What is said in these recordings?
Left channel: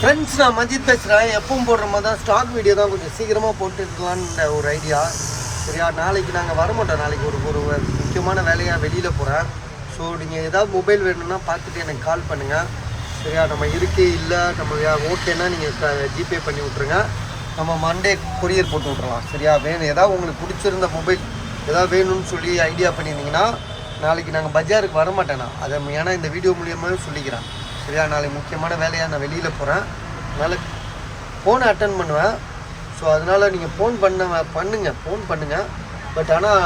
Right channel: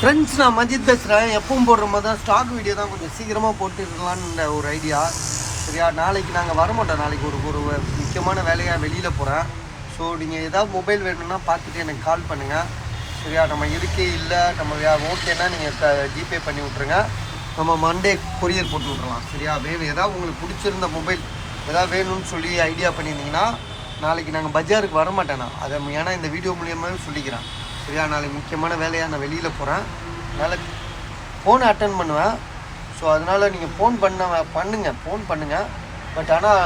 Friends, நான் மஜித் பேசுகிறேன். எப்பவும் போடுற மாதிரி தான் ஸ்டாக் வீடியோ தான் கொஞ்சம் சீக்கிரமாக போட்டுருக்கலான்னு ஒரு ஐடியா. சரியா, நாளைக்கு நாங்கள் வரமாட்டோம். நாளைக்கு ஒரு முக்கியமான வேலையாக வெளியில் போகிறேன். ஸோ நீங்கள் ஏதாவது மொபைல் வேணும்னா பார்த்துட்டு எனக்கு கால் பண்ணுங்கள். சரியா, நம்ம இருக்கே இல்லை நம்ம ஓகேன்னா நீங்கள் ஜிபே பண்ணி விட்ருங்க. நம்ம மண்டே கொரியர் போட்டு விட்றலாம். சரியா, வேணும் ஏதாவது உங்களுக்கு பிடிச்சிருந்த மொபைல் ஏதாவது வேணும்னு சொல்லி ஐடியா பண்ணியிருந்தீங்கன்னா நாளைக்கு நாங்கள் பஜாருக்கு வரமாட்டேண்ணா. அதை ஏன்னா இந்த வீடியோ மூலியமாகவே சொல்லிக்கிறேன். சரியா, நாளைக்கு முக்கியமான வேலையாக நான் வெளியில் போகிறேன். அதனால் ஃபோனை அட்டன் பண்ணுவேன். ஸோ அதனால் நீங்கள் ஃபோன் பண்ணுங்கள். பட் ஆனால்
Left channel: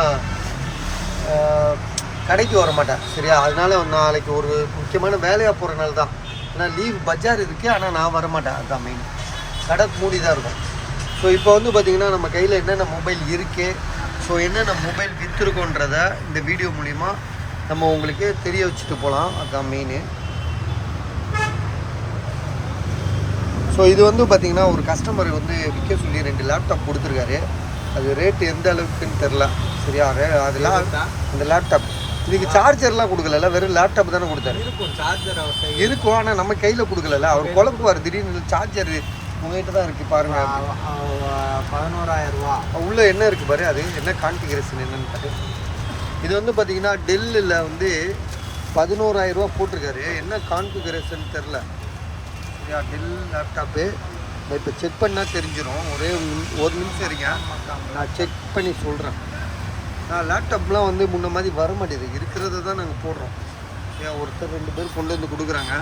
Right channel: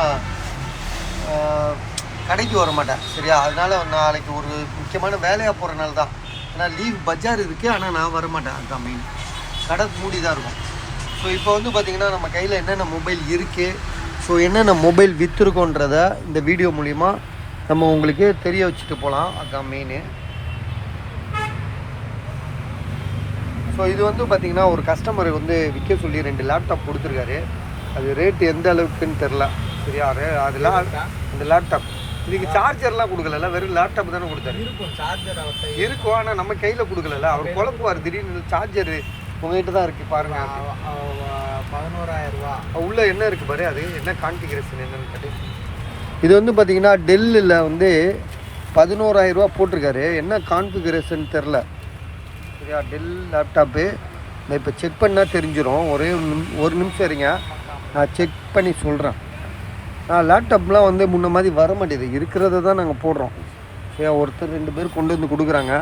கடைக்கு வர மாட்டேன். சரியா, அதனால் நாளைக்கு ஒரு முக்கியமான வேலையாக போகிறனால தான். ஆனால் லீவ் பஜார் இருக்குது, ஆனால் நான் வரமாட்டேன். அதுதான் மெயின். கடை மூடி தான் இருக்கும். ஸோ இப்போ வந்து பார்த்திங்கன்னா நம்ம கையில் என்னென்ன மொபைல் இருக்குது, ஸோ என்னென்ன மொபைல் விற்றுருக்கோன்றதை இந்த வீடியோ மூலிமா நம்ம உங்களுக்கு தெரிய வச்சுட்டு போகலாம். அதுதான் மெயின். ஸோ இது வந்து பார்த்திங்கன்னா ஒரு கஸ்டமர் வந்து விற்க சொல்லி 2 லேப்டாப் கொடுத்துருக்காரு. அது ரேட்டு எந்த அளவுக்குன்னு தெரில. சரியா, அதெல்லாம் அந்த லேப்டாப் இதுக்கு சார்ஜர்லாம் கொடுக்கல, வெறும் லேப்டாப் தானே கொடுத்தாரு. இருக்கும், ஆனால் நம்ம கையில் கொடுக்கல. அவர் குழப்புவார் திடீர்னு. சார்ஜர் உங்கள்கிட்ட தான் இருக்குது பாருங்கள் அப்படின்னு. 11,000 ரூபா உள்ளே என்ன இருக்குது பாரு, அது என்ன கான்ஃபிகரேஷன் என்னன்னு காட்டு. இது வந்து பார்த்திங்கன்னா டெல்லில் வந்து 11,000 ரூபா போட்டிருக்காரு. என்ன கான்ஃபிகரேஷன் தெரில. சரியா, டெல் லேப்டாப்பு நான் இப்போ செக் பண்ணால் தெரிஞ்சிடும். ஒரு நிமிஷம் இருங்க, நான் செக் பண்ணி சொல்கிறேன். லேப்டாப்லாம் வந்து முன்ன மாதிரி வர மாட்டேங்குது. இருக்கிறத தான் நாங்கள் போடுறோம். சரியா, ஒருத்தர் 2 பேர் கொண்டு வந்து கொடுக்குறாங்க.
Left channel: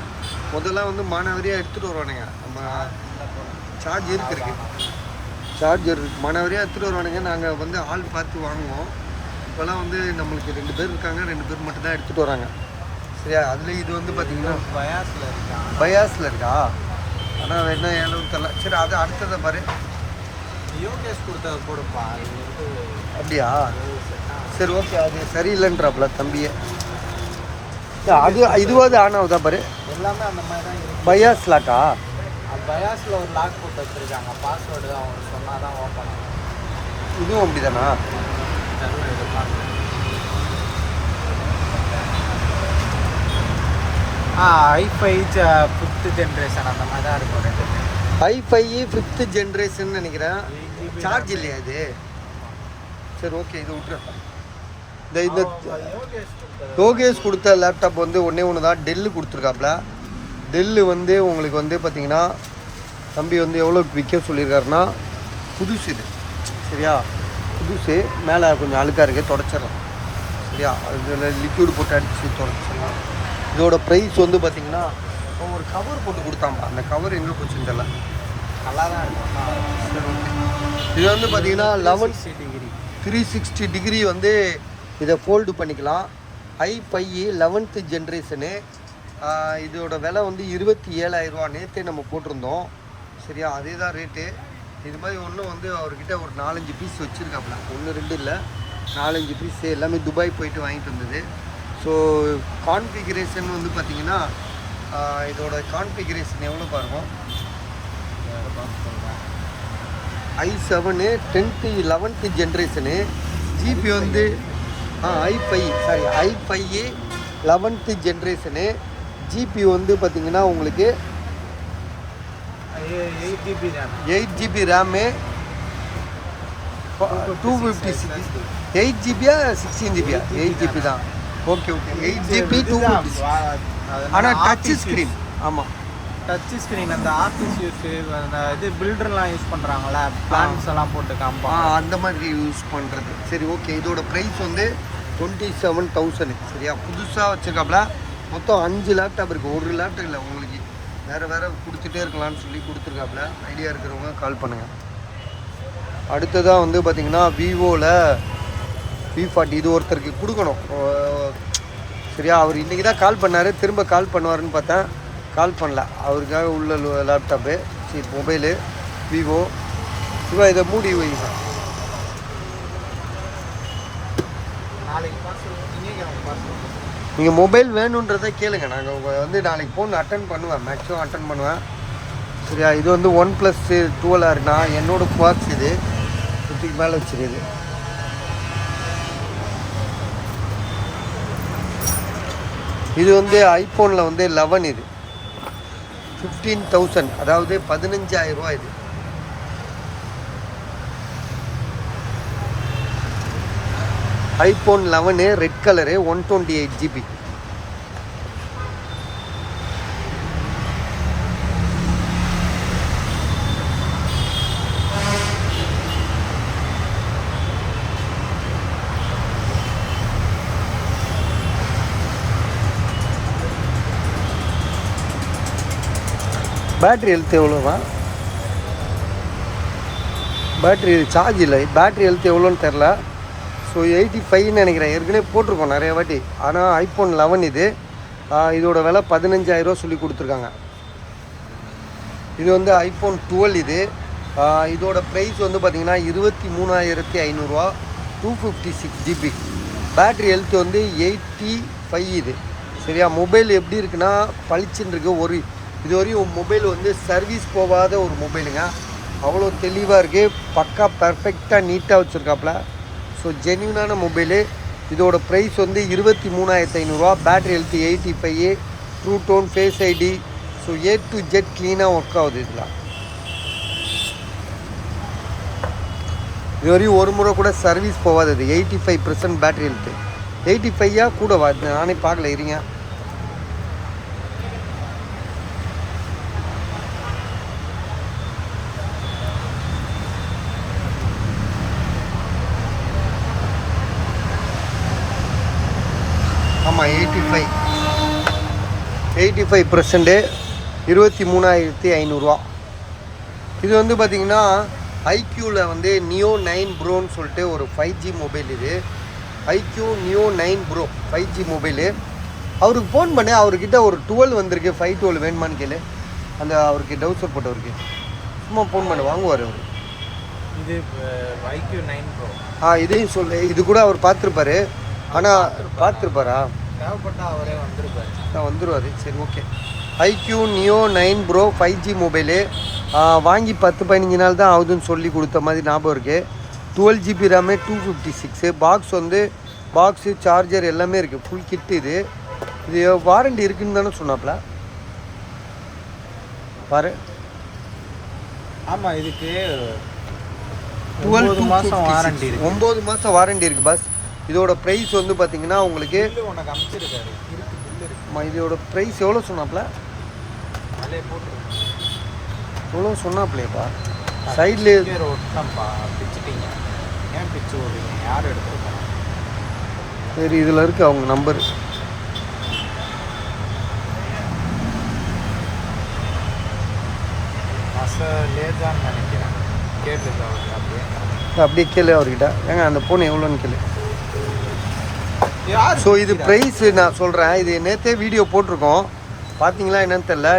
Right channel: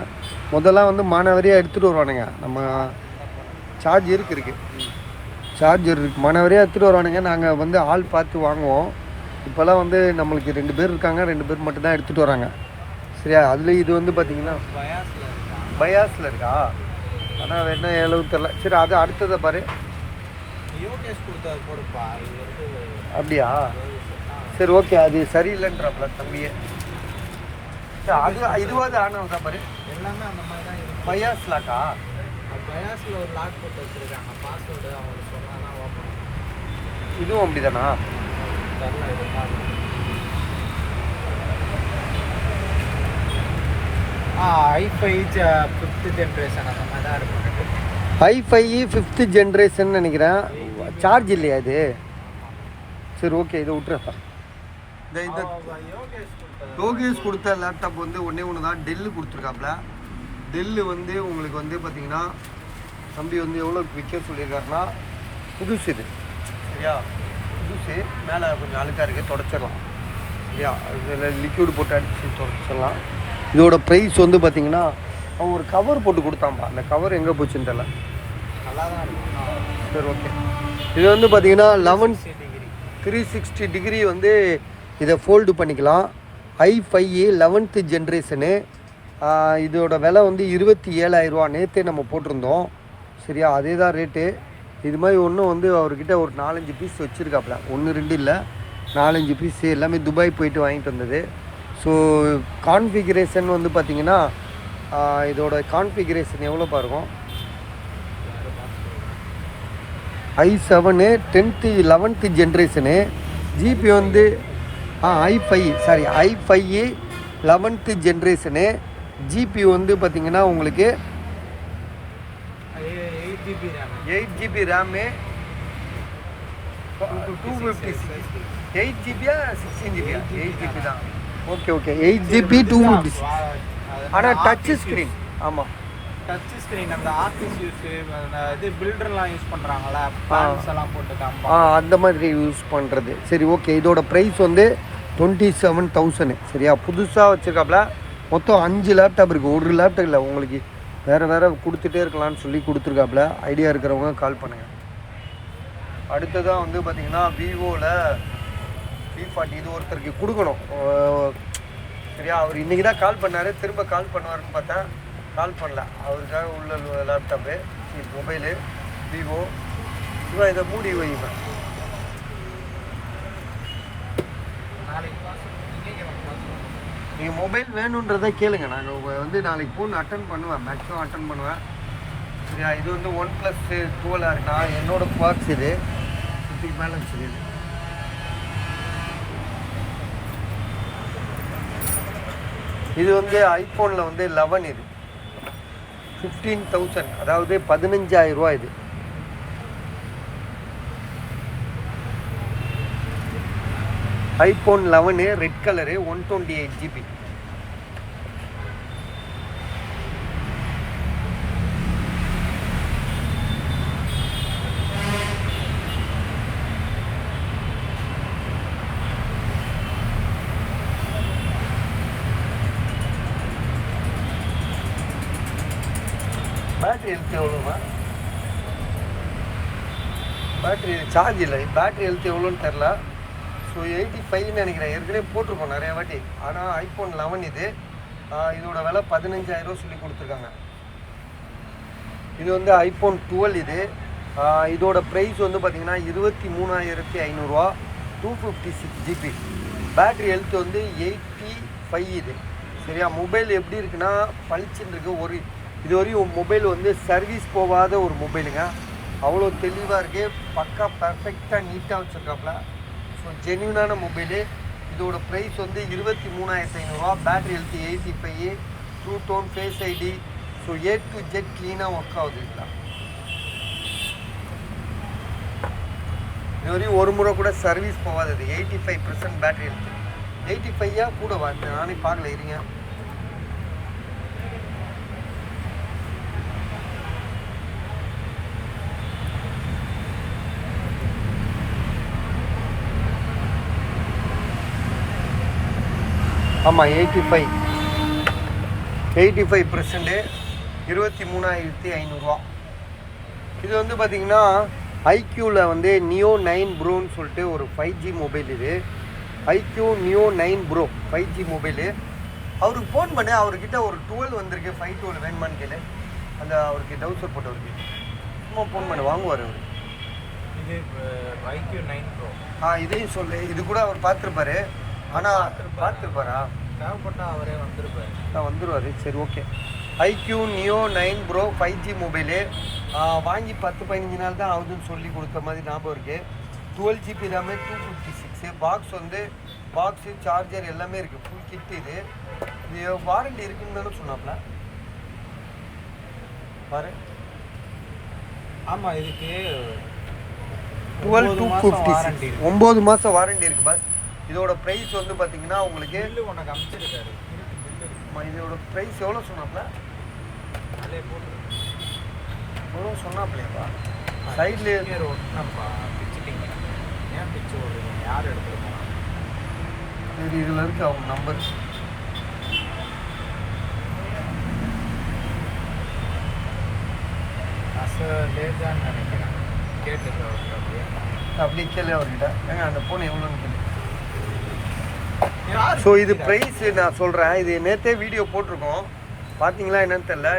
முதல்லாம் வந்து மாணவரியாக எடுத்துகிட்டு வருவானுங்க. நம்ம சார்ஜர் இருக்குது மாணவரியாக எடுத்துகிட்டு வருவானுங்க. நாங்கள் வந்து ஆள் பார்த்து வாங்குவோம். இப்போல்லாம் வந்து நம்மளுக்கு 2 பேர் இருக்காங்க, 2 பேர் மட்டும்தான் எடுத்துகிட்டு வராங்க. சரியா, அதில் இது வந்து பார்த்திங்கன்னா பயாஸில் இருக்கா, ஆனால் வேணா எவ்வளவு தெரில. சரி, அது அடுத்ததை பாரு. அப்படியா, சரி ஓகே. அது சரியில்லைன்றாப்புல தம்பியே. அது இதுவாது ஆன் ஆகுதா பாரு. எல்லாமே அந்த மாதிரி தான் இருக்குது. பயாஸ் லாக்கா? பயாஸில் ஒரு லாக் போட்டு வச்சுருக்காங்க. பாஸ்வேர்டு அவங்க சொன்னால் தான் ஓப்பன் ஆகும். இதுவும் அப்படி தானா? i5 5th ஜென்ரேஷன் அந்த மாதிரி தான் இருக்கும். i5 5th ஜென்ரேஷன் நினைக்கிறேன். சார்ஜ் இல்லையா இது? சரி ஓகே, இதை விட்டுறேன். இந்த யோகேஷ் கொடுத்த லேப்டாப் வந்து ஒன்று தான் டெல்லு கொடுத்துருக்காப்புல. டெல்லு வந்து உங்களுக்கு வந்து பார்த்திங்கன்னா தம்பி வந்து எவ்வளோ விற்க சொல்லியிருக்காருன்னா, புதுசு இது. சரியா, புதுசு. மேலே கொஞ்சம் அழுக்காக இருக்குது, தொடச்சிடலாம். சரியா, அதில் லிக்யூடு போட்டு அடித்து தொடச்சிடலாம். இதோட ப்ரைஸ் வந்து பார்த்திங்கன்னா அவன் ஒரு கவர் போட்டு கொடுத்தாம்பா. அந்த கவர் எங்கே போச்சுன்னு தெரியல. நல்லா தான் இருக்கும். சரி ஓகே. இது வந்து பார்த்திங்கன்னா 360 டிகிரி வந்து இதை ஃபோல்டு பண்ணிக்கலாம். i5 11th generation. இதோட விலை வந்து 27,000 ரூபா. நேற்றே நம்ம போட்டிருந்தோம். சரியா, அதே தான் ரேட்டு. இது மாதிரி ஒன்றும் வந்து அவர்கிட்ட ஒரு 4-5 பீஸ் வச்சுருக்காப்புல. 1-2 இல்லை, 4-5 பீஸ் எல்லாமே துபாய் போயிட்டு வாங்கிட்டு வந்தது. ஸோ கான்ஃபிகரேஷன் வந்து பார்த்திங்கன்னா இதோட கான்ஃபிகரேஷன் எவ்வளோ பாருங்க. i7 10th 11th generation. GB வந்து i5 11th ஜென்ரேஷனு. ஜிபி வந்து பார்த்திங்கன்னா உங்களுக்கு 8 GB RAM, 256. 8 GB 16 GB? 8 GB தான். Okay 8 GB 256. ஆனால் டச் ஸ்க்ரீன். ஆமாம், டச் ஸ்க்ரீன். அந்த ஆர்டிஸ்ட் அந்த இது பில்டர்லாம் யூஸ் பண்ணுறாங்களா, பிளான்ஸ் எல்லாம் போட்டுக்காம அந்த மாதிரி யூஸ் பண்ணுறது. சரி ஓகே. இதோட ப்ரைஸ் வந்து 27,000. சரியா, புதுசாக வச்சுருக்காப்புல. மொத்தம் 5 லேப்டாப் இருக்குது. ஒரு லேப்டாப் இல்லை, உங்களுக்கு வேறு கொடுத்துட்டே இருக்கலாம்னு சொல்லி கொடுத்துருக்காப்புல. ஐடியா இருக்கிறவங்க கால் பண்ணுங்கள். அடுத்ததாக வந்து பார்த்திங்கன்னா விவோவில் V40 இது ஒருத்தருக்கு கொடுக்கணும். சரியா, அவர் இன்றைக்கி தான் கால் பண்ணார். திரும்ப கால் பண்ணுவாருன்னு பார்த்தேன், கால் பண்ணல. அவருக்காக உள்ள லேப்டாப்பு, சரி மொபைலு விவோ. இதை மூடி வைங்க. நீங்கள் மொபைல் வேணுன்றதை கேளுங்க. நாங்கள் வந்து நாளைக்கு ஃபோன் அட்டன் பண்ணுவேன், மேக்ஸிமம் அட்டன் பண்ணுவேன். சரியா, இது வந்து OnePlus 12 இருக்குண்ணா. என்னோடய பாக்ஸ் இது 50க்கு மேலே வச்சுருக்குது. இது வந்து ஐஃபோனில் வந்து 11. 15,000, அதாவது 15,000 ரூபா இது. iPhone 11 red colour 128 GB. Battery health எவ்வளோவா? பேட்ரி சார்ஜ் இல்லை, பேட்ரி ஹெல்த் எவ்வளோன்னு தெரில. ஸோ 85 நினைக்கிறேன், ஏற்கனவே போட்டிருக்கோம் நிறைய வாட்டி. ஆனால் iPhone 11 இது. இதோட விலை 15,000 ரூபா சொல்லி கொடுத்துருக்காங்க. இது வந்து iPhone 12 இது. இதோட ப்ரைஸ் வந்து பார்த்திங்கன்னா 23,500 ரூபா, 256 GB. பேட்ரி ஹெல்த் வந்து 85 இது. சரியா? மொபைல் எப்படி இருக்குன்னா பளிச்சுன்னு இருக்குது. இதுவரையும் மொபைல் வந்து சர்வீஸ் போகாத ஒரு மொபைலுங்க. அவ்வளோ தெளிவாக இருக்குது, பக்கா பர்ஃபெக்டாக நீட்டாக வச்சுருக்காப்புல. ஸோ ஜென்யூனான மொபைலு. இதோட ப்ரைஸ் வந்து 23,500 ரூபா. Battery health 85, true tone, face ID. So A to Z க்ளீனாக ஒர்க் ஆகுது இதில். இதுவரையும் ஒரு முறை கூட சர்வீஸ் போகாதது. 85% battery health. 85 கூட வருது, நானே பார்க்கல, இருங்க. ஆமாம் 85%, 23,500 ரூபா. இது வந்து பார்த்திங்கன்னா ஐக்யூவில் வந்து நியோ 9 ப்ரோன்னு சொல்லிட்டு ஒரு 5G மொபைல். இது iQOO Neo 9 Pro 5G mobile. அவருக்கு ஃபோன் பண்ணி அவர்கிட்ட ஒரு 12 வந்திருக்கு, 512 வேணுமான்னு கேளு. அந்த அவருக்கு டவுசர் போட்டவருக்கு சும்மா ஃபோன் பண்ணி வாங்குவார் அவர். இது ஐக்யூ 9 ப்ரோ. இதையும் சொல்லு. இது கூட அவர் பார்த்துருப்பாரு. ஆனால் பார்த்துருப்பாரா? தேவைப்பட்டால் அவரே வந்துடுவார். சரி, okay. IQOO Neo 9 Pro 5G mobile. வாங்கி 10-15 நாள் தான் ஆகுதுன்னு சொல்லி கொடுத்த மாதிரி ஞாபகம் இருக்குது. 12 GB ரேமு, 256. பாக்ஸ் வந்து பாக்ஸு, சார்ஜர் எல்லாமே இருக்குது, ஃபுல் கிட்டு. இது வாரண்டி இருக்குன்னு தானே சொன்னாப்ல பாரு. ஆமாம், இதுக்கு 12,256 9 மாதம் வாரண்டி இருக்குது பாஸ். இதோட ப்ரைஸ் வந்து பார்த்தீங்கன்னா உங்களுக்கு இதோட ப்ரைஸ் எவ்வளோ சொன்னாப்ல? எவ்வளோ சொன்னாப்லையப்பா? சைடில் சரி, இதில் இருக்குது அவங்க நம்பரு. அப்படியே கேளு அவர்கிட்ட. ஏங்க அந்த ஃபோன் எவ்வளோன்னு கேளு. ஸோ இது ப்ரைஸு நான் சொல்கிறேன். இது நேற்றே வீடியோ போட்டிருக்கோம், பார்த்தீங்களா என்னன்னு தெரில.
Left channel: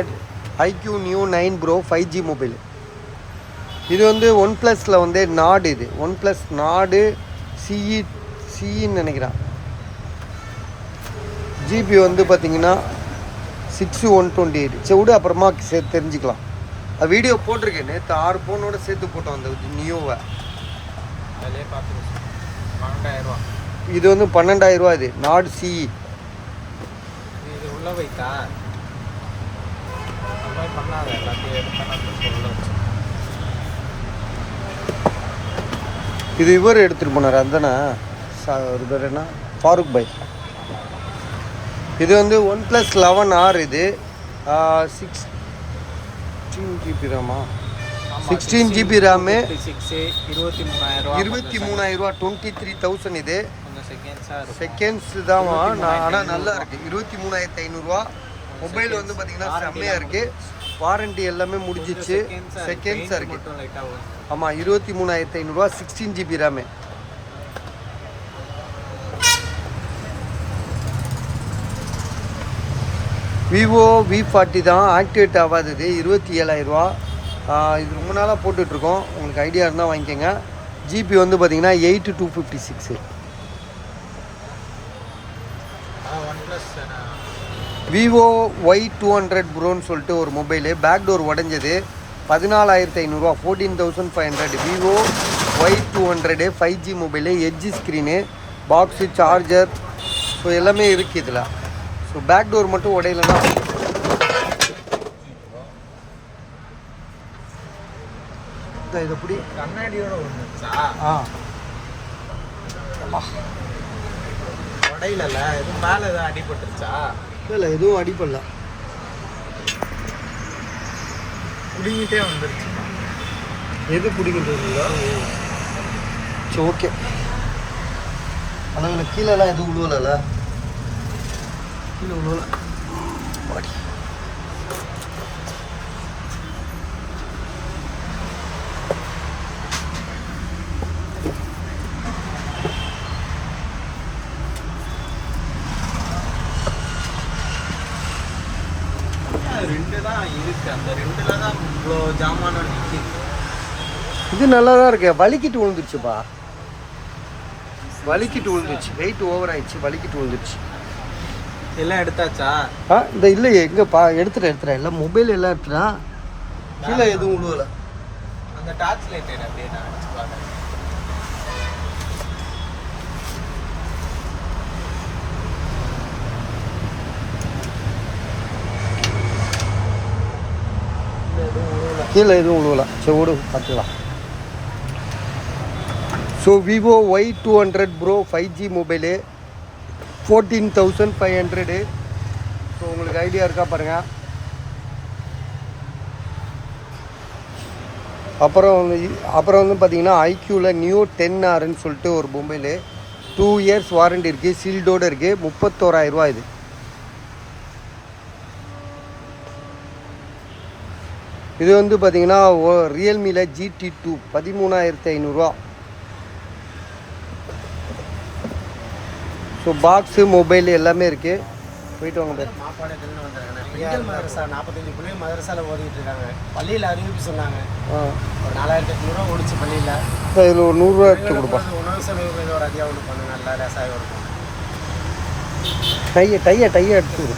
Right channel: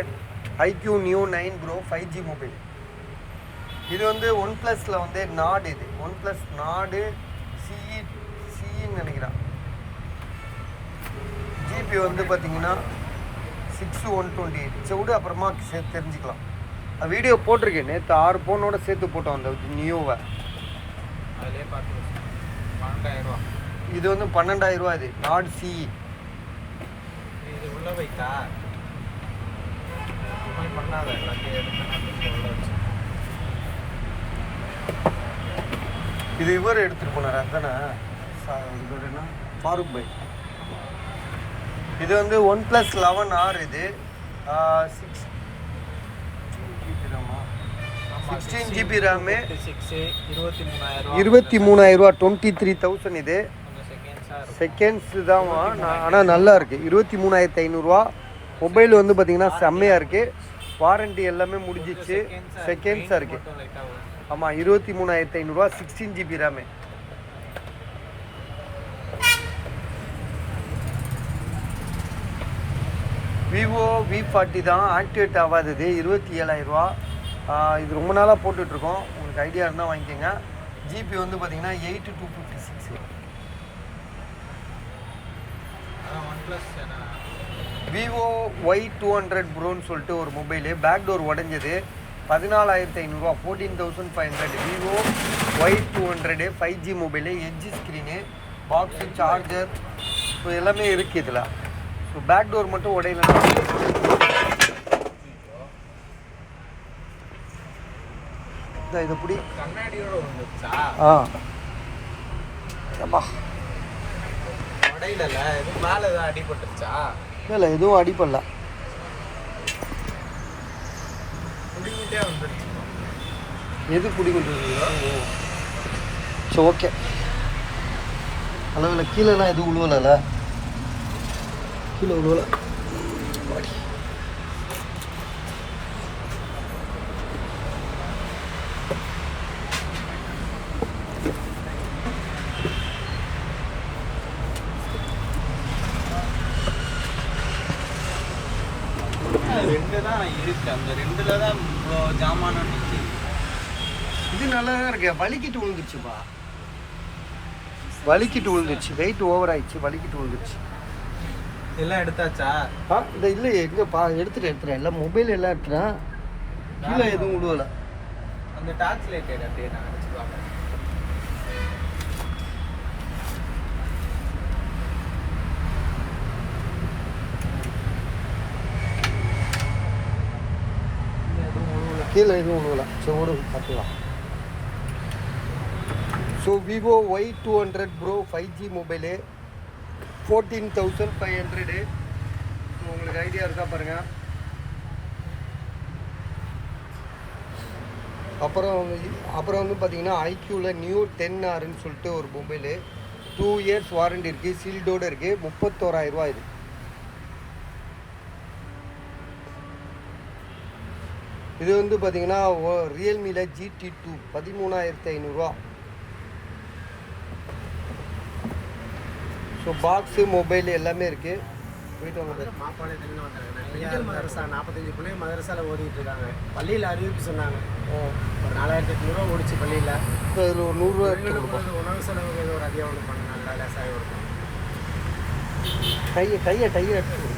IQ new 9 Pro 5G mobile. இது வந்து OnePlusல வந்து நாடு. இது OnePlus நாடு சிஇன்னு நினைக்கிறேன். ஜிபி வந்து பார்த்தீங்கன்னா 6128. சரி விடு, அப்புறமா தெரிஞ்சுக்கலாம். அது வீடியோ போட்டிருக்கேன் நேற்று, 6 ஃபோனோட சேர்த்து போட்டோம் அந்த நியூவை. இது வந்து 12,000 ரூபா. இது நாடு சிஇ. இது இவர் எடுத்துகிட்டு போனார், அதுதானே ஒரு பேர் என்ன, ஃபாரூக் பாய். இது வந்து OnePlus 11R. இது 16 GB ரேமா, 16 GB ரேமு, 23,000 ரூபா, 23,000. இது செகண்ட்ஸ் தான். ஆனால் நல்லா இருக்குது. 23,500 ரூபா. மொபைல் வந்து பார்த்திங்கன்னா செம்மையாக இருக்குது. வாரண்டி எல்லாமே முடிஞ்சிச்சு. செகண்ட்ஸாக இருக்குது. ஆமாம், 23,500 ரூபா, 16 GB ரேமு. விவோ V40 தான், ஆக்டிவேட் ஆகாதது, 27,000 ரூபா. இது ரொம்ப நாளாக போட்டுட்ருக்கோம், உங்களுக்கு ஐடியா இருந்தால் வாங்கிக்கோங்க. ஜிபி வந்து பார்த்திங்கன்னா 8256. விவோ Y200 ப்ரோன்னு சொல்லிட்டு ஒரு மொபைலு, பேக் டோர் உடஞ்சது, 14,500 ரூபா, 14,500. Vivo Y200 5G mobile, edge screen, box, charger, so எல்லாமே இருக்குது இதில். ஸோ பேக் டோர் மட்டும் உடையலன்னா இந்த இதை பிடி. கண்ணாடியோட வந்துருச்சா? ஆ ஏம்பா உடையில எதுவும் மேலே எதாவது அடிபட்டுருச்சா? இல்லை எதுவும் அடிப்படல. குடிங்கிட்டே வந்துருச்சு. எது பிடிக்கின்றது? சரி ஓகே. அளவில் கீழெல்லாம் எதுவும் உழுவலை, கீழே உழுவலை. ரெண்டு தான் இருக்கு, அந்த ரெண்டுல தான் இவ்வளோ ஜாமான் நிற்கி. இது நல்லா தான் இருக்கு. வலிக்கிட்டு விழுந்துருச்சுப்பா, வலிக்கிட்டு விழுந்துருச்சு. வெயிட் ஓவர் ஆயிடுச்சு, வலிக்கிட்டு விழுந்துருச்சு. எல்லாம் எடுத்தாச்சா? இந்த இல்லை எங்கப்பா, எடுத்துட்டேன் எல்லாம் மொபைல் எல்லாம் எடுத்துட்டேன். கீழே எதுவும் உழுவலை. அந்த டார்ச் லைட் அப்படியே நான் வச்சு பார்க்குறேன். கீழே எதுவும் உழுவலை. சரி விடு, பார்த்துக்கலாம். So Vivo Y200 bro 5G mobile 14,500. So உங்களுக்கு ஐடியா இருக்கா பாருங்கள். அப்புறம் வந்து பார்த்தீங்கன்னா ஐக்யூவில் நியூ 10Rன்னு சொல்லிட்டு ஒரு மொபைலு 2 இயர்ஸ் வாரண்டி இருக்குது, சீல்டோடு இருக்குது. 31,000 இது. இது வந்து பார்த்தீங்கன்னா ரியல்மியில் GT2 13,500. ஸோ பாக்ஸு மொபைல் எல்லாமே இருக்குது. போயிட்டு வாங்க. மாப்பாளையத்துலேருந்து வந்தாங்க. மதரசா 45 பிள்ளைங்க மதரசாவில் ஓடிட்டு இருக்காங்க. பள்ளியில் அறிவிப்பு சொன்னாங்க. ஒரு 4,800 ஓடிச்சு பள்ளியில். இதில் ஒரு 100 எடுத்து கொடுப்பா. உணவு செலவுக்கு ஏதோ ஒரு அதிகம் ஒன்று பண்ணுங்க. நல்லா ரசாயம் இருக்கும். டையை எடுத்து கொடு.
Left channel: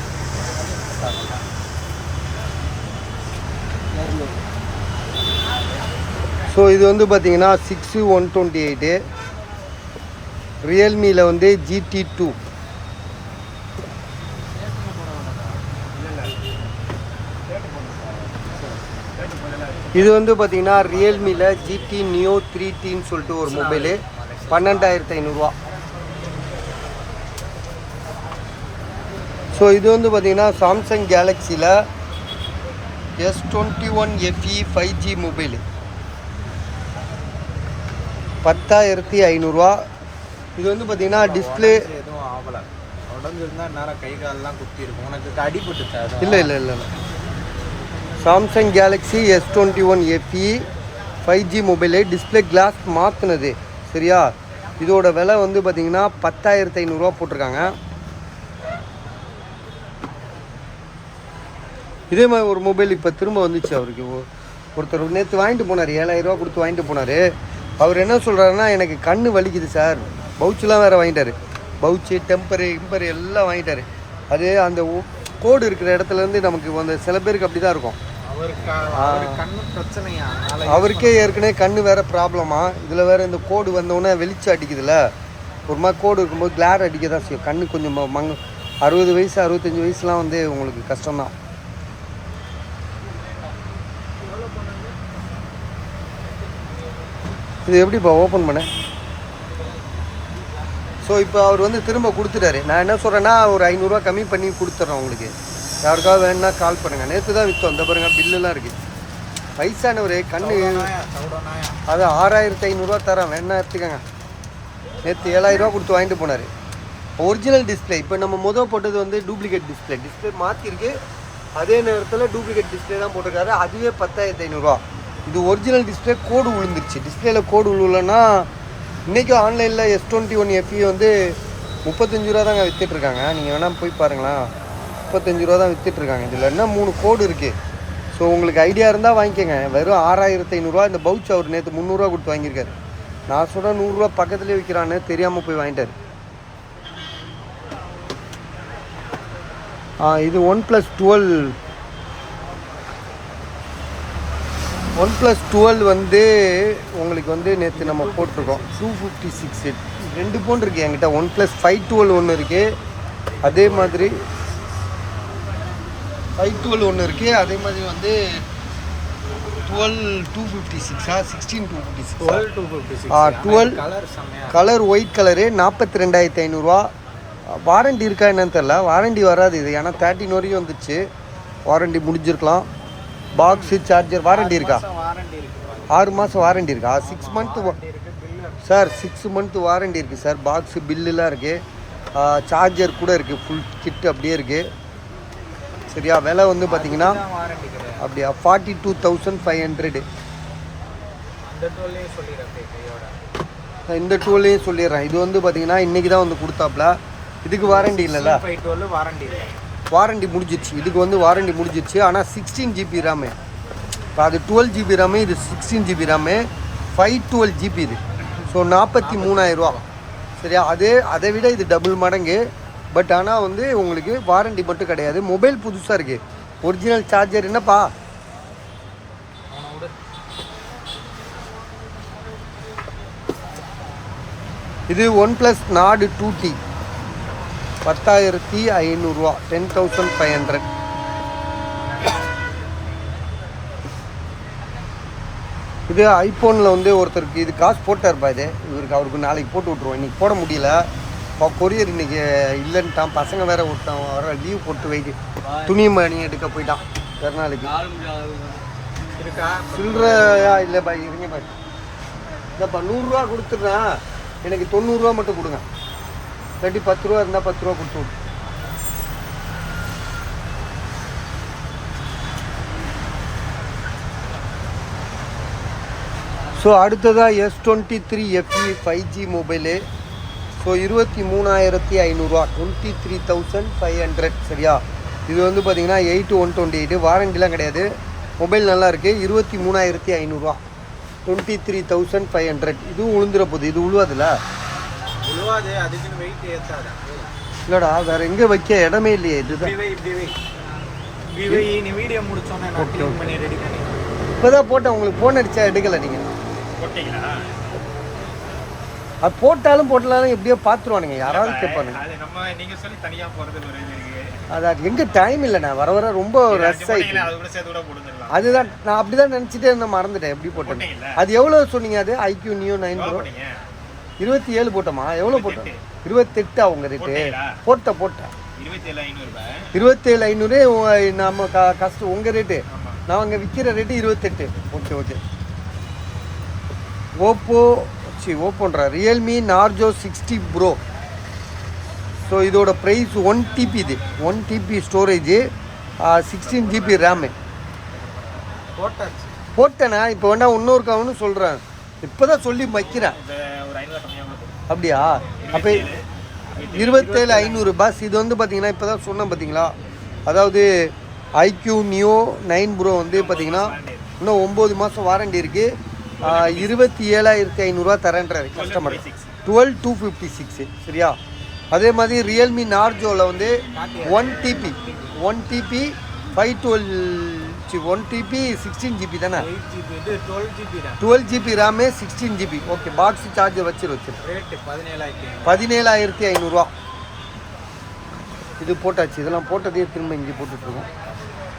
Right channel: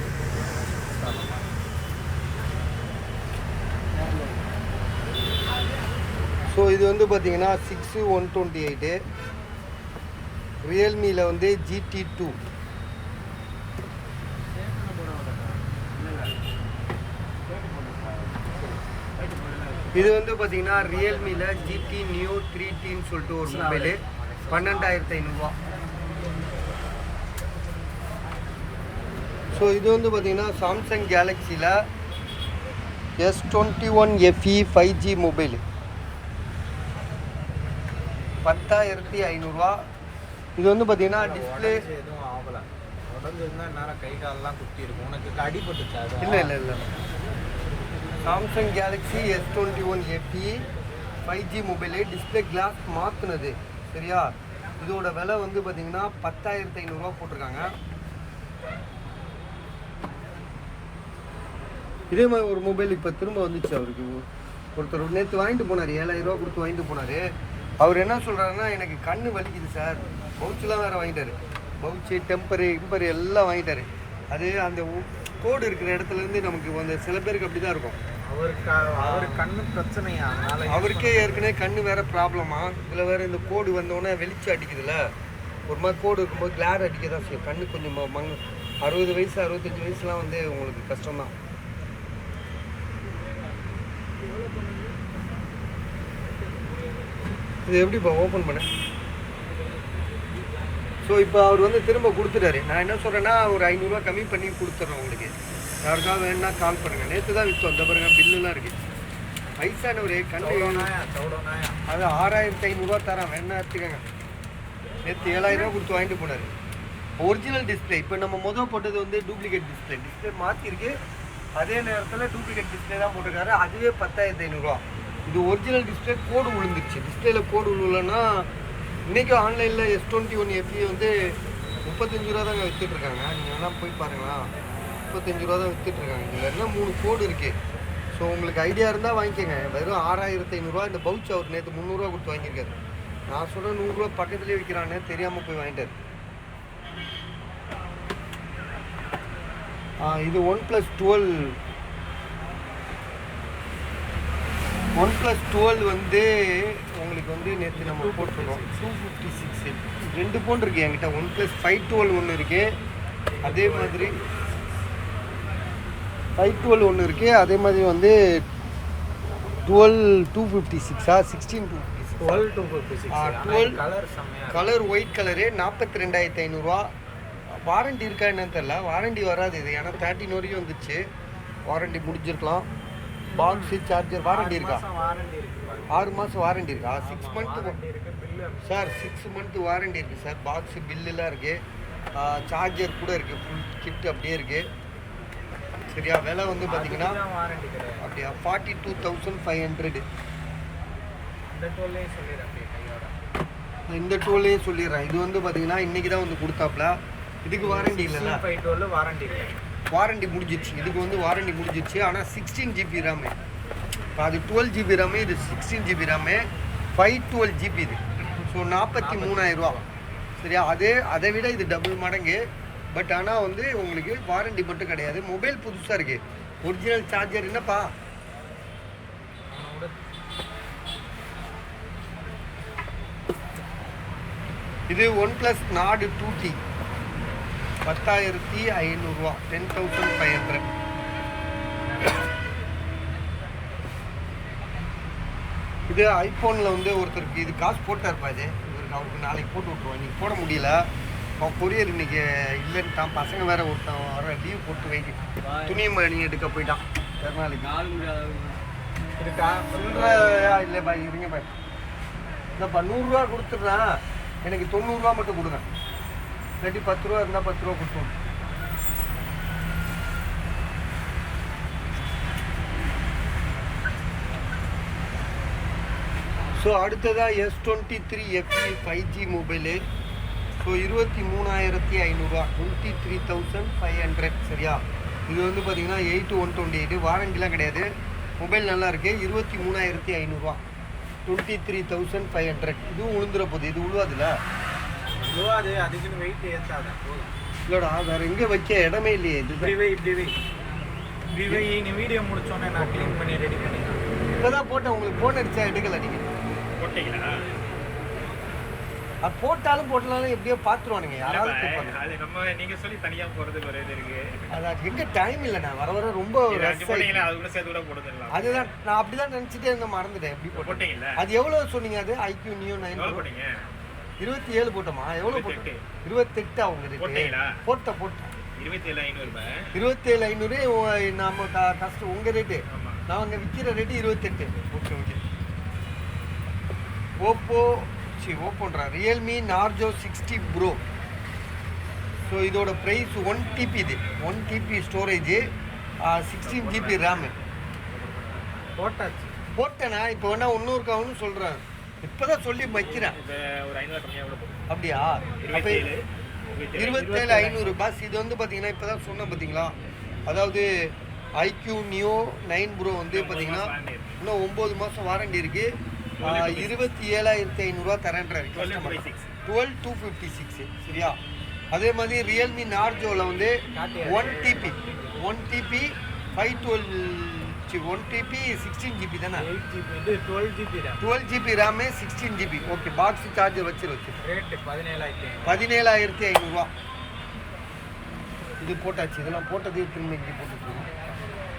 ஸோ இது வந்து பார்த்தீங்கன்னா 6,128. ரியல்மியில் வந்து GT2. இது வந்து பார்த்தீங்கன்னா ரியல்மியில் GT Neo 3Tன்னு சொல்லிட்டு ஒரு மொபைலு 12,500. ஸோ இது வந்து பார்த்தீங்கன்னா Samsung கேலக்ஸியில் S21 FE 5G mobile 10,500. இது வந்து பார்த்தீங்கன்னா டிஸ்பிளே எதுவும் ஆகலை. உடஞ்சிருந்தா நேரம் கை காலெல்லாம் குத்தி இருக்கும். உனக்கு அடிபட்டுச்சா? இல்லை. Samsung Galaxy S21 FE 5G mobile display glass மாற்றினது. சரியா? இதோட விலை வந்து பார்த்தீங்கன்னா 10,500 போட்டிருக்காங்க. இதே மாதிரி ஒரு மொபைல் இப்போ திரும்ப வந்துச்சு அவருக்கு. ஒருத்தர் நேற்று வாங்கிட்டு போனார், 7,000 கொடுத்து வாங்கிட்டு போனார். அவர் என்ன சொல்கிறாருன்னா, எனக்கு கண் வலிக்குது சார். பவுச்செலாம் வேறு வாங்கிட்டார். பவுச்சு, டெம்பரு எல்லாம் வாங்கிட்டார். அது அந்த கோடு இருக்கிற இடத்துலேருந்து நமக்கு அந்த சில பேருக்கு அப்படி தான் இருக்கும். கண்ணு பிரச்சனையா? அவருக்கே ஏற்கனவே கண் வேறு ப்ராப்ளமா. இதில் வேறு இந்த கோடு வந்தோடனே வெளிச்சம் அடிக்குதுல்ல, ஒரு மாதிரி கோடு இருக்கும்போது கிளார் அடிக்க தான் செய்யும். கண்ணு கொஞ்சம் 60 வயசு 65 வயசுலாம் வந்து உங்களுக்கு கஷ்டம்தான். இது எப்படிப்பா ஓப்பன் பண்ண? ஸோ இப்போ அவர் வந்து திரும்ப கொடுத்துட்டாரு. நான் என்ன சொல்கிறேன்னா, ஒரு 500 கம்மி பண்ணி கொடுத்துட்றேன் உங்களுக்கு. யாருக்காவது வேணுன்னா கால் பண்ணுங்கள். நேற்று தான் விற்றோம். இந்த பாருங்கள் பில்லுலாம் இருக்குது. வயசானவர் கண்ணு அது 6,500 தரேன், வேணா எடுத்துக்கோங்க. நேற்று 7,000 கொடுத்து வாங்கிட்டு போனார். Original display. இப்போ நம்ம போட்டது வந்து டூப்ளிகேட் டிஸ்பிளே மாற்றிருக்கு. அதே நேரத்தில் டூப்ளிகேட் டிஸ்பிளே தான் போட்டிருக்காரு. அதுவே 10,500. இது ஒரிஜினல் டிஸ்பிளே கோடு விழுந்துருச்சு. டிஸ்பிளேல கோடு விழுலன்னா இன்றைக்கி ஆன்லைனில் S21 FE வந்து 35 தாங்க விற்றுட்ருக்காங்க. நீங்கள் வேணால் போய் பாருங்களேன், 35 தான் விற்றுட்ருக்காங்க. இதில் என்ன 3 கோடு இருக்குது. ஸோ உங்களுக்கு ஐடியா இருந்தால் வாங்கிக்கோங்க. வெறும் 6,500. இந்த பவுச் அவர் நேற்று 300 கொடுத்து வாங்கியிருக்காரு. நான் சொல்கிறேன் 100 பக்கத்துலேயே விற்கிறான்னு தெரியாமல் போய் வாங்கிட்டார். இது OnePlus 12 வந்து உங்களுக்கு வந்து நேற்று நம்ம போட்டிருக்கோம் 256. 2 ஃபோன் இருக்குது என்கிட்ட. OnePlus 512 ஒன்று இருக்குது, அதே மாதிரி 512 ஒன்று இருக்குது, அதே மாதிரி வந்து 12,256 16,256 12 கலர் செம்மையா கலர் ஒயிட் கலரு 42,500 வாரண்டி இருக்கா என்னன்னு தெரில. வாரண்டி வராது இது, ஏன்னா 13 வரைக்கும் வந்துச்சு. வாரண்டி முடிஞ்சிருக்கலாம். பாக்ஸு சார்ஜர் வாரண்டி இருக்கா? வாரண்டி இருக்கு 6 மாதம் வாரண்டி இருக்கா? 6 மந்த்து இருக்கு பில்லு சார் 6 மந்த்து வாரண்டி இருக்குது சார். பாக்ஸு பில்லுலாம் இருக்குது, சார்ஜர் கூட இருக்குது, ஃபுல் கிட் அப்படியே இருக்குது. சரியா? விலை வந்து பார்த்தீங்கன்னா வாரண்டி கிடையாது. அப்படியா 42,500. அந்த டோல்லே சொல்லிடுறேன் கையோட. இந்த டூலையும் சொல்லிடுறேன். இது வந்து பார்த்தீங்கன்னா இன்றைக்கி தான் வந்து கொடுத்தாப்புல. இதுக்கு வாரண்டி இல்லைல்ல? டோல் வாரண்டி இல்லை, வாரண்டி முடிஞ்சிடுச்சு. இதுக்கு வந்து வாரண்டி முடிஞ்சிடுச்சு. ஆனால் 16 GB ரேமு. அது 12 GB ரேமு, இது 16 GB ரேமு, 512 GB இது. ஸோ 43,000. சரியா? அதை விட இது டபுள் மடங்கு. பட் ஆனால் வந்து உங்களுக்கு வாரண்டி மட்டும் கிடையாது. மொபைல் புதுசாக இருக்குது. ஒரிஜினல் சார்ஜர் என்னப்பா? இது OnePlus Nord 2T 10,500 10,500. இது ஐஃபோனில் வந்து ஒருத்தருக்கு இது காசு போட்டார்ப்பா. இது அவருக்கு நாளைக்கு போட்டு விட்ருவோம். இன்றைக்கி போட முடியல, கொரியர் இன்றைக்கி இல்லைன்ட்டான். பசங்க வேறு ஒருத்தன் வர லீவ் போட்டு வைக்கு துணி மணி எடுக்க போயிட்டான் வேறு நாளைக்கு. இருக்கா சில்லறையா இல்லைப்பா, இருங்க பாய். இல்லைப்பா 100 கொடுத்துட்றேன், எனக்கு 90 மட்டும் கொடுங்க. இல்லாட்டி 10 இருந்தால் 10 கொடுத்து விடு. ஸோ அடுத்ததாக S23 FE 5G mobile. So 23,500 23,500. சரியா? இது வந்து பார்த்தீங்கன்னா 8/128 வாரண்டிலாம் கிடையாது. மொபைல் நல்லா இருக்குது. 23,500 23,500. இதுவும் உளுந்துற போகுது. இது உழுவாதுல்ல? உழுவாது, அதுக்குன்னு வெயிட் ஏற்றாதான். இல்லைடா, வேறு எங்கே வைக்க இடமே இல்லையே. இது இப்படி வை நீ வீடியோ முடிச்சோன்னே நான் க்ளீன் பண்ணி ரெடி பண்ணி இப்போ தான் போட்டேன். உங்களுக்கு ஃபோன் அடித்தா எடுக்கலை நீங்கள். போட்டீங்களா? அது போட்டாலும் போட்டலாலும் எப்படியோ பார்த்துருவானுங்க, யாராவது கேட்பானுங்க. அது நம்ம நீங்க சொல்லி தனியா போறது ஒரு இது இருக்கு. அது எங்கே டைம் இல்லைண்ணா, வர ரொம்ப ரஷ் ஆகிடுச்சு. அது கூட சேர்த்து கூட போட்டுக்கலாம். அதுதான் நான் அப்படி தான் நினச்சிட்டே இருந்தேன், மறந்துட்டேன் எப்படி போட்டேன். அது எவ்வளோ சொன்னீங்க? அது IQ Neo 9 Pro 27 போட்டோமா? எவ்வளோ போட்டோம்? 28 அவங்க ரேட்டு. போட்டேன் 27,500 நம்ம கஷ்டம். உங்கள் ரேட்டு நான் அங்கே விற்கிற ரேட்டு 28. ஓகே. ஓப்போன்ற ரியல்மி நார்ஜோ 60 Pro. ஸோ இதோட ப்ரைஸ் 1 TB. இது 1 TB ஸ்டோரேஜு, 16 GB ரேமு. போட்டேண்ணா. இப்போ வேணா இன்னொரு கவுன்னு சொல்கிறேன். இப்போ தான் சொல்லி வைக்கிறேன். அப்படியா? அப்போ 27,500 பஸ். இது வந்து பார்த்தீங்கன்னா இப்போ தான் சொன்னேன் பார்த்தீங்களா? அதாவது IQ Neo 9 Pro வந்து பார்த்தீங்கன்னா இன்னும் 9 மாதம் வாரண்டி இருக்குது. 27,500 தரேன்றாரு கஸ்டமர். 12,256. சரியா? அதே மாதிரி ரியல்மி நார்ஜோவில் வந்து 1 TB 1 TB 16 GB தானே? 12 GB RAM 16 GB. Okay. Box charger வச்சிரு. ரேட்டு 17,500. இது போட்டாச்சு. இதெல்லாம் போட்டதே திரும்ப இங்கே போட்டுட்ருக்கோம்.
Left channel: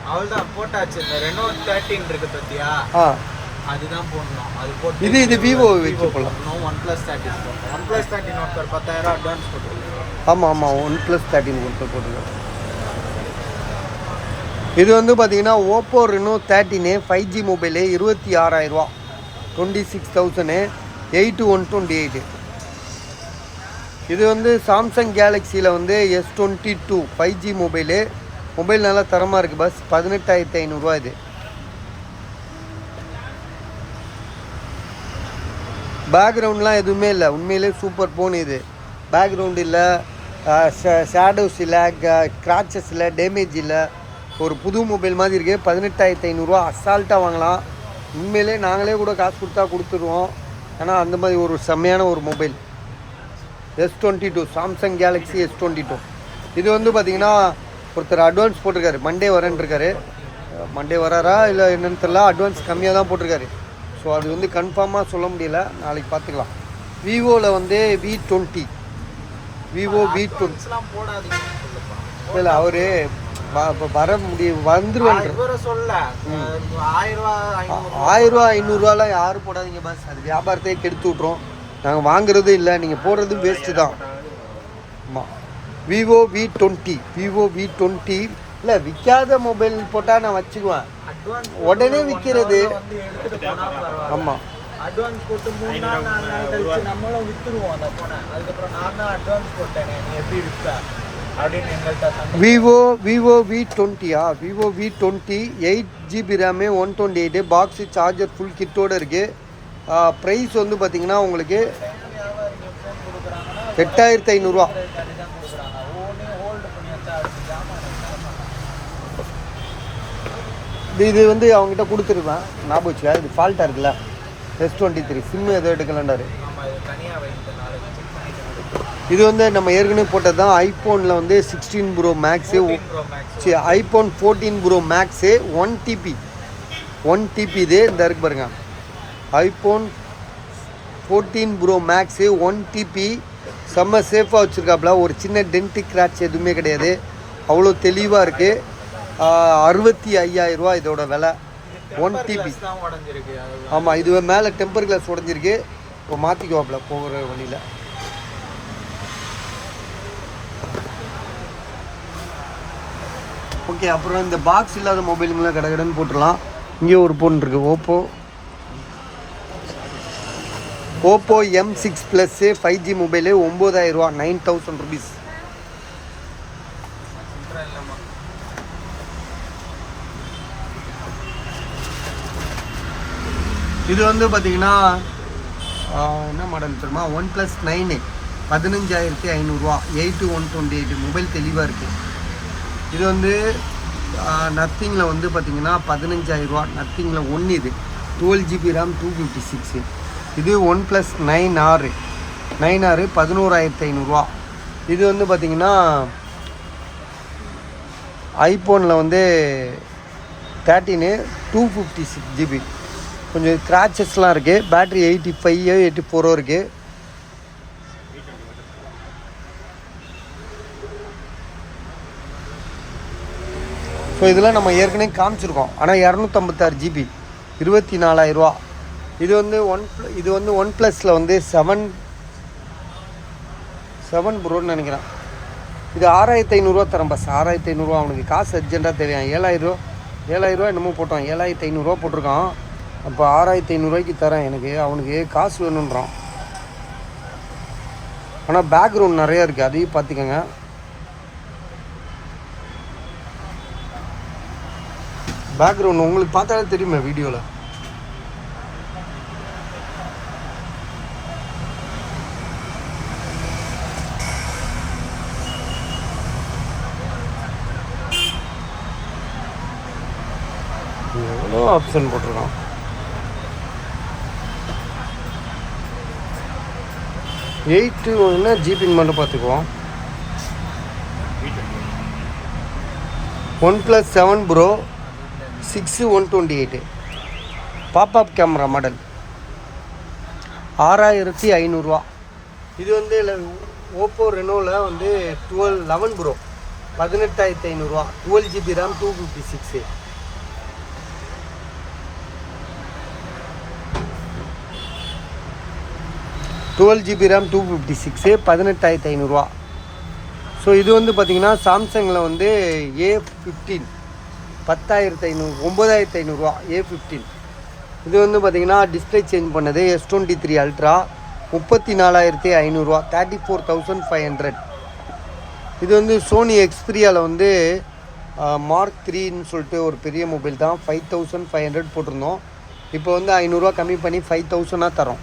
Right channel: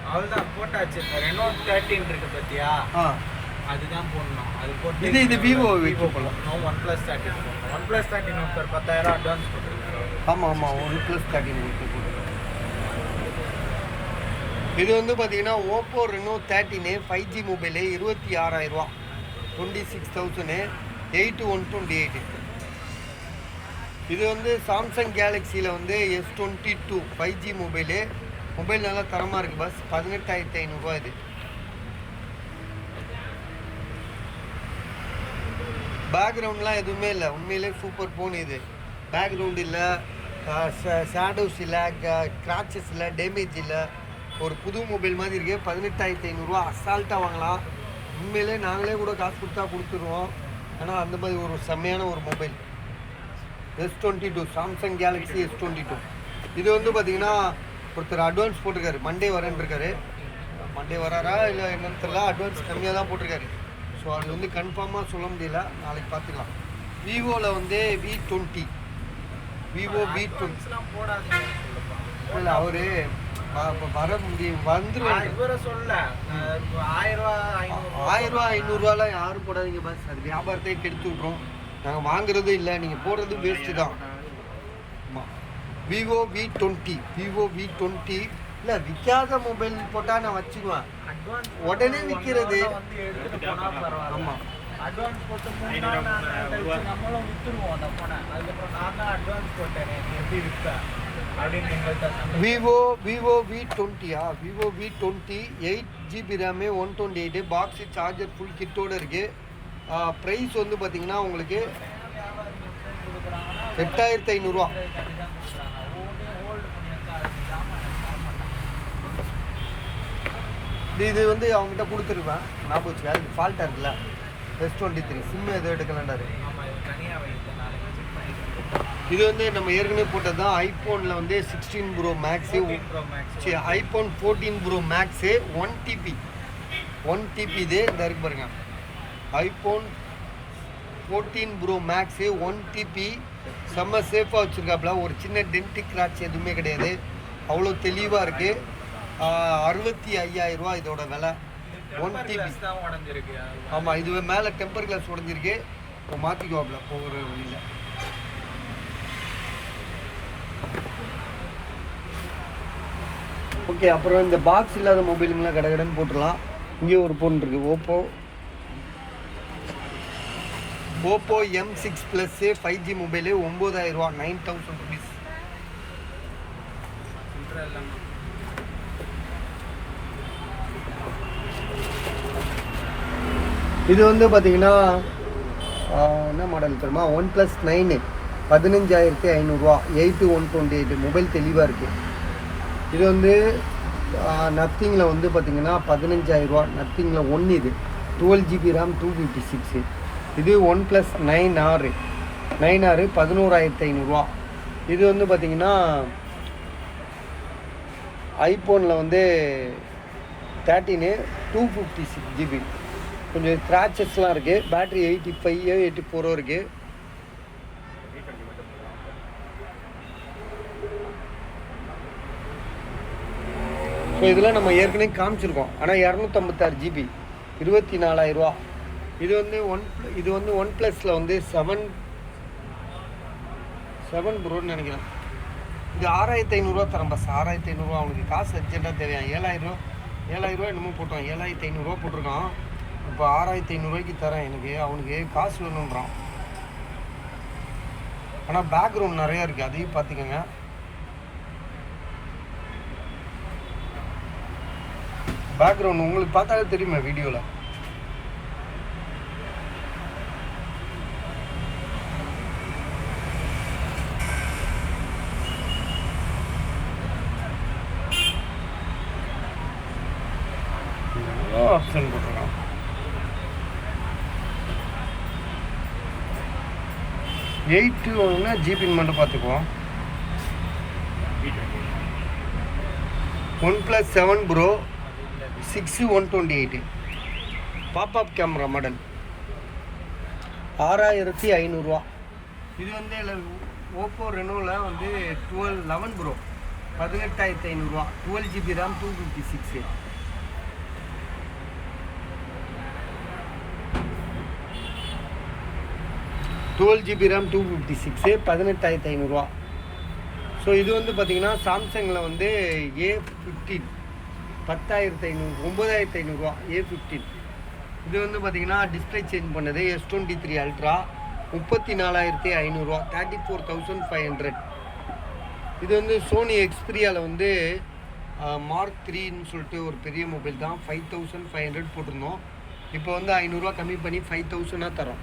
அவ்வளோதான் போட்டாச்சு. இந்த Reno 13 இருக்கு பார்த்தியா? அதுதான் போடணும். அது போட்டு இது விவோ வச்சு போடலாம். OnePlus 13 ஒருத்தர் 10,000 அட்வான்ஸ் போட்டுருக்காரு. ஆமாம் OnePlus 13 ஒருத்தர் போட்டுருக்காரு. இது வந்து பார்த்தீங்கன்னா ஓப்போ Reno 13 5G மொபைலு 26,000 26,000 8/128. இது வந்து சாம்சங் கேலக்ஸியில் வந்து S22 5G மொபைலு. மொபைல் நல்லா தரமாக இருக்குது பஸ். 18,500 இது. பேக்ரவுண்ட்லாம் எதுவுமே இல்லை, உண்மையிலே சூப்பர் ஃபோன் இது. பேக்ரவுண்ட் இல்லை, ஷேடோஸ் இல்லை, கிராச்சஸ் இல்லை, டேமேஜ் இல்லை. ஒரு புது மொபைல் மாதிரி இருக்குது. 18,500 அசால்ட்டாக வாங்கலாம். உண்மையிலே நாங்களே கூட காசு கொடுத்தா கொடுத்துருவோம். ஏன்னா அந்த மாதிரி ஒரு செம்மையான ஒரு mobile S22 Samsung Galaxy S22. இது வந்து பார்த்திங்கன்னா ஒருத்தர் அட்வான்ஸ் போட்டிருக்காரு. மண்டே வரேன்ருக்காரு. மண்டே வராரா இல்லை என்னன்னு தெரியல. அட்வான்ஸ் கம்மியாக தான் போட்டிருக்காரு. ஸோ அது வந்து கன்ஃபார்மாக சொல்ல முடியல, நாளைக்கு பார்த்துக்கலாம். விவோவில் வந்து V20 இல்லை அவர் இப்போ வர முடியும் வந்துருவாங்க. சொல்ல 1000 1000 500 யாரும் போடாதீங்க பஸ், அது வியாபாரத்தையே கெடுத்து விட்றோம். நாங்கள் வாங்குறதும் இல்லை, நீங்கள் போடுறது வேஸ்ட்டு தான். ஆமாம். விவோ V20 இல்லை விற்காத மொபைல் போட்டால் நான் வச்சுக்குவேன், உடனே விற்கிறது. ஆமாம், அட்வான்ஸ் போட்டு 3 நாள் 4 நாள் கழிச்சு நம்மளும் விற்றுருவோம் அந்த ஃபோனை. அதுக்கப்புறம் நான் தான் அட்வான்ஸ் போட்டேனே, நீ எப்படி விற்க அப்படின்னு எங்கள்கிட்ட. Vivo Vivo V20 8GB RAM 128 box charger full கிட்டோடு இருக்குது. ப்ரைஸ் வந்து பார்த்தீங்கன்னா உங்களுக்கு 8500 இது வந்து அவங்ககிட்ட கொடுத்துருவேன். ஞாபகம் வச்சுக்கா, இது ஃபால்ட்டாக இருக்குல்ல, S23 சிம்மு எதுவும் எடுக்கலன்றாரு. இது வந்து நம்ம ஏற்கனவே போட்டது தான். ஐஃபோனில் வந்து 16 pro max, iPhone 14 pro max 1 TB இது இந்த இருக்கு பாருங்க. ஐஃபோன் 14 ப்ரோ மேக்ஸு 1 TB செம்ம சேஃபாக வச்சுருக்காப்புல. ஒரு சின்ன டென்டிக் கிராட்ச் எதுவுமே கிடையாது, அவ்வளோ தெளிவாக இருக்குது. 65,000 இதோட விலை. 1 TB. ஆமாம், இது மேலே டெம்பர் கிளாஸ் உடஞ்சிருக்கு, இப்போ மாற்றிக்குவாப்புல போகிற வழியில். ஓகே, அப்புறம் இந்த பாக்ஸ் இல்லாத மொபைலுங்களாம் கடைன்னு போட்டுடலாம். இங்கே ஒரு ஃபோன் இருக்குது, Oppo M6 Plus 5G mobile 9000 9,000 rupees. இது வந்து பார்த்தீங்கன்னா என்ன மாடல் தெரியுமா, OnePlus 9 15,500 8/128 மொபைல் தெளிவாக இருக்குது. இது வந்து நத்திங்கில் வந்து பார்த்தீங்கன்னா 15,000 நத்திங்கில் 1 இது 12GB RAM 256. இது OnePlus 9R 11,500. இது வந்து பார்த்தீங்கன்னா ஐஃபோனில் வந்து 13 256GB. கொஞ்சம் ஸ்க்ராச்சஸ்லாம் இருக்குது. பேட்ரி 85 84 இருக்குது. ஸோ இதெல்லாம் நம்ம ஏற்கனவே காமிச்சிருக்கோம். ஆனால் 256GB 24,000. இது வந்து OnePlusல வந்து 7 ப்ரோன்னு நினைக்கிறேன். இது 6,500 தரேன் பஸ். 6,500 அவனுக்கு காசு அர்ஜென்ட்டாக தெரியும். 7,000 என்னமோ போட்டான், 7,500 போட்டிருக்கான். அப்போ 6,500 தரேன். அவனுக்கு காசு வேணுன்றான். ஆனால் பேக்ரவுண்ட் நிறையா இருக்குது, அதையும் பார்த்துக்கோங்க. பேக்ரவுண்ட் உங்களுக்கு பார்த்தாலே தெரியுமே வீடியோவில். எவ்வளோ ஆப்ஷன் போட்டிருக்கான். என்ன ஜிபின்னு மட்டும் பார்த்துக்குவோம். OnePlus 7 Pro 6/128 pop-up camera model 6,500. இது வந்து ஓப்போ ரெனோவில் வந்து 11 Pro 18,500 12GB RAM 256. GB RAM 256 18,500. So இது வந்து பார்த்திங்கன்னா சாம்சங்கில் வந்து A15 10,500 9,500 A15. இது வந்து பார்த்திங்கன்னா டிஸ்பிளே சேஞ்ச் பண்ணது S23 Ultra 34,500 34,500. இது வந்து சோனி எக்ஸ்பீரியாவில் வந்து Mark 3ன்னு சொல்லிட்டு ஒரு பெரிய மொபைல் தான். 5,500 போட்டிருந்தோம். இப்போ வந்து 500 கம்மி பண்ணி 5,000 தரோம்.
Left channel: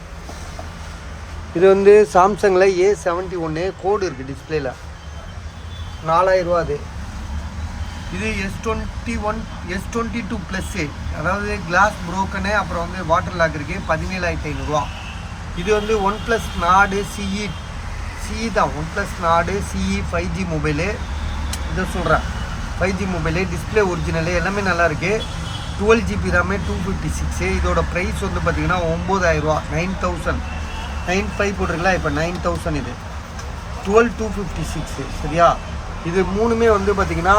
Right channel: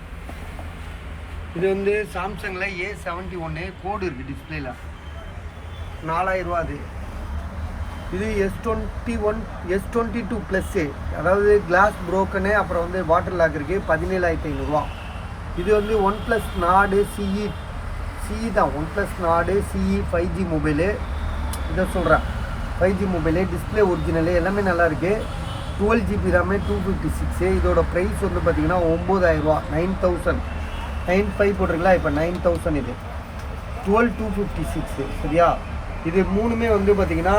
இது வந்து சாம்சங்கில் A71 கோடு இருக்குது டிஸ்பிளேயில் 4,000 அது. இது S22 Plus அதாவது கிளாஸ் ப்ரோக்கனு, அப்புறம் வந்து வாட்டர் லாக் இருக்குது 17,500. இது வந்து OnePlus Nord CE தான். OnePlus Nord CE 5G mobile. இதை சொல்கிறேன், 5G மொபைலு, டிஸ்பிளே ஒரிஜினலு, எல்லாமே நல்லாயிருக்கு. 12GB RAM 256. இதோட ப்ரைஸ் வந்து பார்த்திங்கன்னா 9,000 9,000 9,500 போட்டிருக்கலாம். இப்போ 9,000. இது 12,256. சரியா? இது மூணுமே வந்து பார்த்திங்கன்னா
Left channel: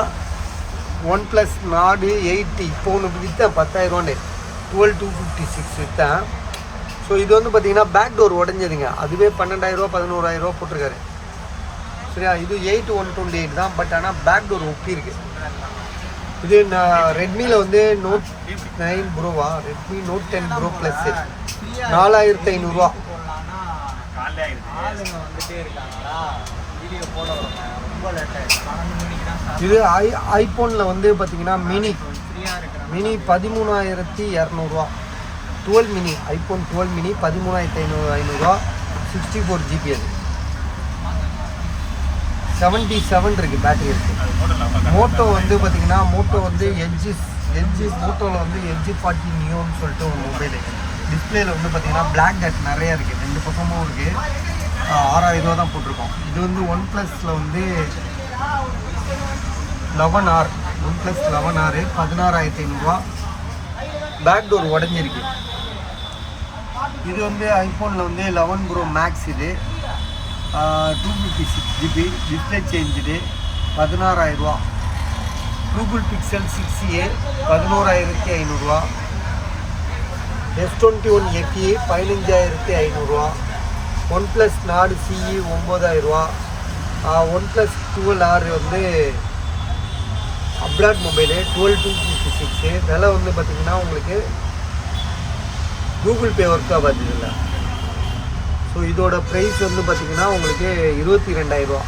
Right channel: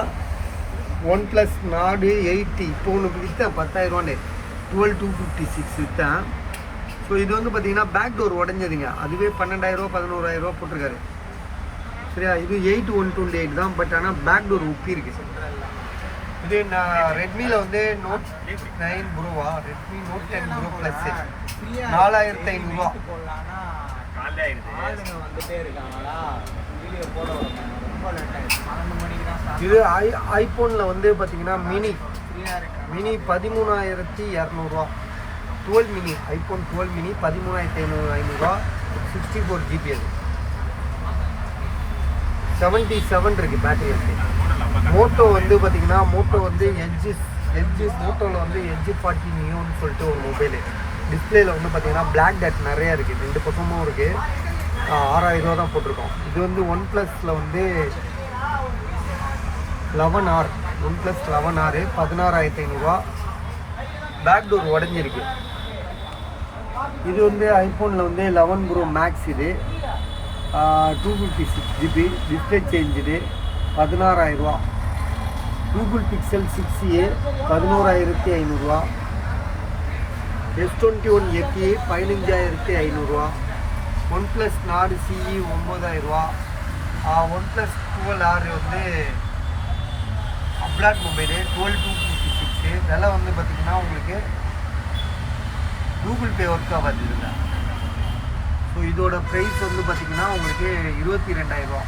OnePlus Nord 8 இப்போ ஒன்று விற்றா 10,000. 12256 விற்றேன். ஸோ இது வந்து பார்த்தீங்கன்னா பேக் டோர் உடஞ்சதுங்க. அதுவே 12,000 11,000 போட்டிருக்காரு. சரியா, இது 8128 தான். பட் ஆனால் பேக் டோர் ஒப்பி இருக்கு. இது நான் ரெட்மியில் வந்து Note 9 ப்ரோவா, ரெட்மி Note 10 ப்ரோ ப்ளஸ் 4500 இது ஐஃபோனில் வந்து பார்த்தீங்கன்னா mini 13,200 12 mini, iPhone 12 mini 13,500 64 GB. அது 77 இருக்குது பேட்டரி இருக்குது. மோட்டோ வந்து பார்த்தீங்கன்னா மோட்டோ வந்து எல்ஜி மோட்டோவில் வந்து LG40 நியோன்னு சொல்லிட்டு ஒரு மொபைலு. டிஸ்பிளேயில் வந்து பார்த்தீங்கன்னா பிளாக் டட் நிறையா இருக்குது, 2 பக்கமும் இருக்குது. 6,000 தான் போட்டிருக்கோம். இது வந்து ஒன் ப்ளஸில் வந்து 11R, OnePlus 11R 16,500. Back door உடஞ்சிருக்கு. இது வந்து ஐஃபோனில் வந்து 11 ப்ரோ மேக்ஸ். இது 256 GB, display change 16,000. Google pixel 6a 11,500. S21 FE 15,500. One plus நாடு CE 9,000. ஒன் ப்ளஸ் 12R வந்து அப்ராட் மொபைலு 12256. விலை வந்து பார்த்திங்கன்னா உங்களுக்கு கூகுள் பே ஒர்க் ஆகாது இல்லை. ஸோ இதோட ப்ரைஸ் வந்து பார்த்திங்கன்னா உங்களுக்கு 22,000.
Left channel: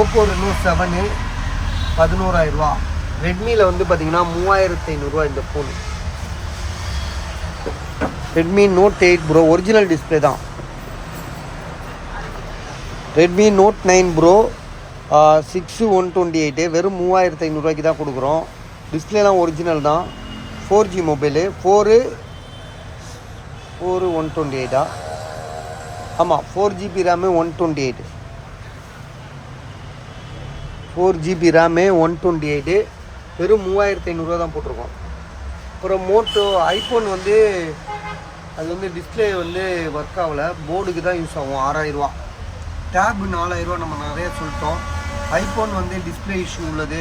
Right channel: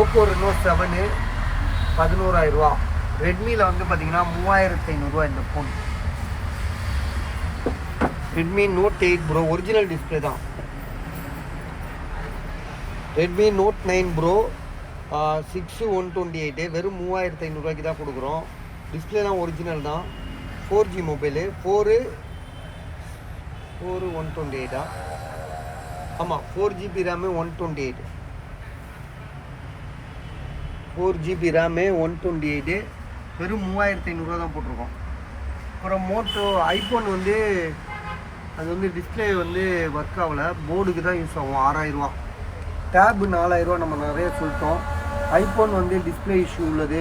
Oppo Reno 7 11,000. ரெட்மியில் வந்து பார்த்திங்கன்னா 3,500 இந்த phone. Redmi Note 8 bro original display தான். ரெட்மி Note 9 ப்ரோ 6128 வெறும் 3,500 தான் கொடுக்குறோம். டிஸ்பிளேலாம் ஒரிஜினல் தான். 4G mobile 4 128. ஆமாம், 4GB ரேமு 128. 4GB ரேமு 128 வெறும் 3,500 தான் போட்டிருக்கோம். அப்புறம் மோட்டோ ஐஃபோன் வந்து அது வந்து டிஸ்பிளே வந்து ஒர்க் ஆகலை, போர்டுக்கு தான் யூஸ் ஆகும். 6,000. டேபு 4,000 நம்ம நிறைய சொல்லிட்டோம். ஐஃபோன் வந்து டிஸ்பிளே இஷ்யூ உள்ளது.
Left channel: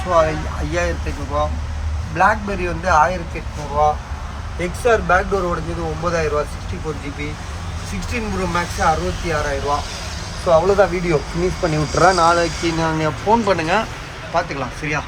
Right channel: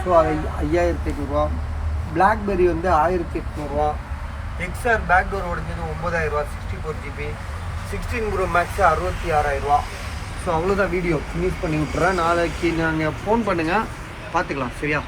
ஸோ 5,500. பிளாக்பெரி வந்து 1,800. XR பேக் டோர் உடஞ்சது 9,000 64 GB. 16 pro max 66,000. ஸோ அவ்வளோதான், வீடியோ ஃபினிஷ் பண்ணி விட்டுறேன். நாளைக்கு நாங்கள் ஃபோன் பண்ணுங்கள், பார்த்துக்கலாம். சரியா?